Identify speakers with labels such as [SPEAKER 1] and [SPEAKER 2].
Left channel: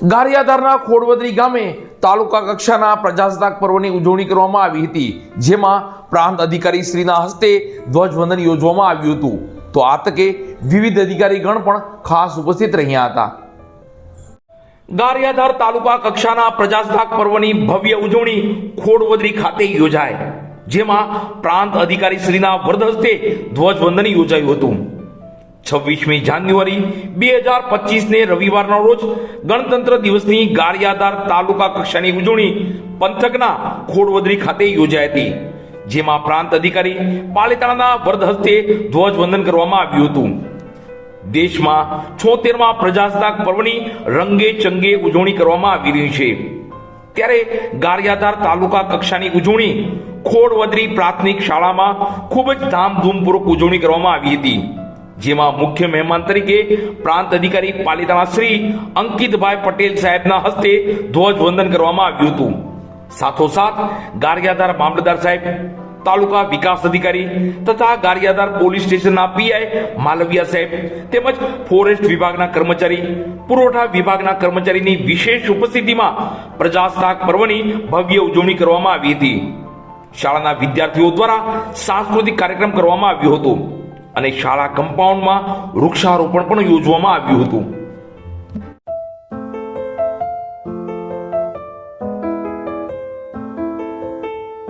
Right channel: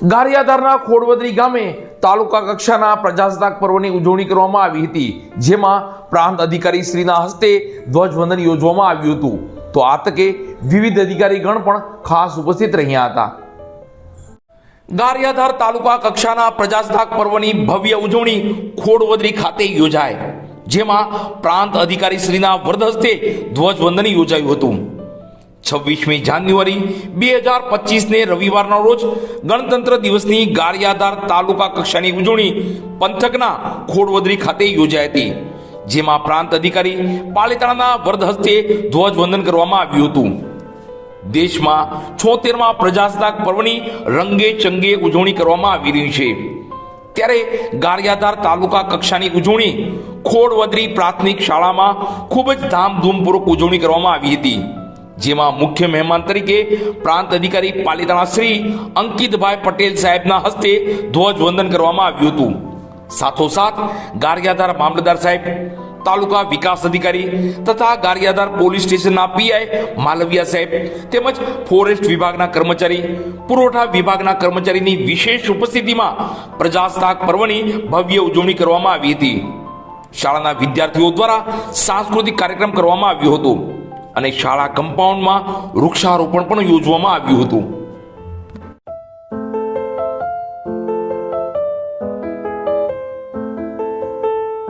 [SPEAKER 1] ગારિયાધારના ખોડવદરી ગામે તાલુકા કક્ષાના પ્રજાસત્તાક પર્વની ઉજવણી કરવામાં આવી હતી, જેમાં પ્રાંત અધિકારી શ્રીના હસ્તે ધ્વજવંદન યોજવામાં આવ્યું હતું. તો આ તકે વિવિધ અધિકારીગણ પણ ખાસ ઉપસ્થિત રહ્યા હતા. ગારિયાધાર તાલુકા કક્ષાના પ્રજાસત્તાક પર્વની ભવ્ય ઉજવણી ખોડવદરી ખાતે યોજાય, જેમાં પ્રાંત અધિકારી શ્રીના વરદ હસ્તે ધ્વજવંદન યોજાયું હતું. છવ્વીસમી જાન્યુઆરી બે હજાર પચીસને રવિવારના રોજ ગણતંત્ર દિવસની ગારિયાધાર તાલુકા કક્ષાની ઉજવણી પંથકના ખોડવદરી ખાતે યોજાઈ હતી, જેમાં પ્રાંત અધિકારી પાલિતાણાના વરદ હસ્તે ધ્વજવંદન કરવામાં આવ્યું હતું. દેશમાં છોતેરમાં પ્રજાસત્તાક પર્વની રંગે ચંગે ઉજવણી કરવામાં આવી રહી છે. ત્યારે ગારિયાધાર તાલુકા કક્ષાની ઉજવણી ખોડવદરી પ્રાથમિક શાળામાં ખૂબ જ ધામધૂમપૂર્વક ઉજવણી કરવામાં આવી હતી. જેમાં મુખ્ય મહેમાન તરીકે પ્રાંત અધિકારી પાલિતાણા શ્રી અંકિતભાઈ પટેલ સાહેબના હસ્તે ધ્વજવંદન કરવામાં આવ્યું હતું. સાથોસાથ ગારિયાધાર મામલતદાર સાહેબ, તાલુકા વિકાસ અધિકારી તથા ગારિયાધાર પોલીસ સ્ટેશનના પીઆઈ માલવિયા સાહેબ તેમજ ફોરેસ્ટ વિભાગના કર્મચારી, પુરવઠા વિભાગના કર્મચારીની વિશેષ ઉપસ્થિતિમાં પ્રજાસત્તાક પર્વની ભવ્ય ઉજવણી કરવામાં આવી હતી. શાળાના વિદ્યાર્થીઓ દ્વારા સાંસ્કૃતિક કાર્યક્રમ કરવામાં આવ્યો હતો. અને શાળા કમ્પાઉન્ડમાં વૃક્ષારોપણ પણ યોજવામાં આવ્યું હતું.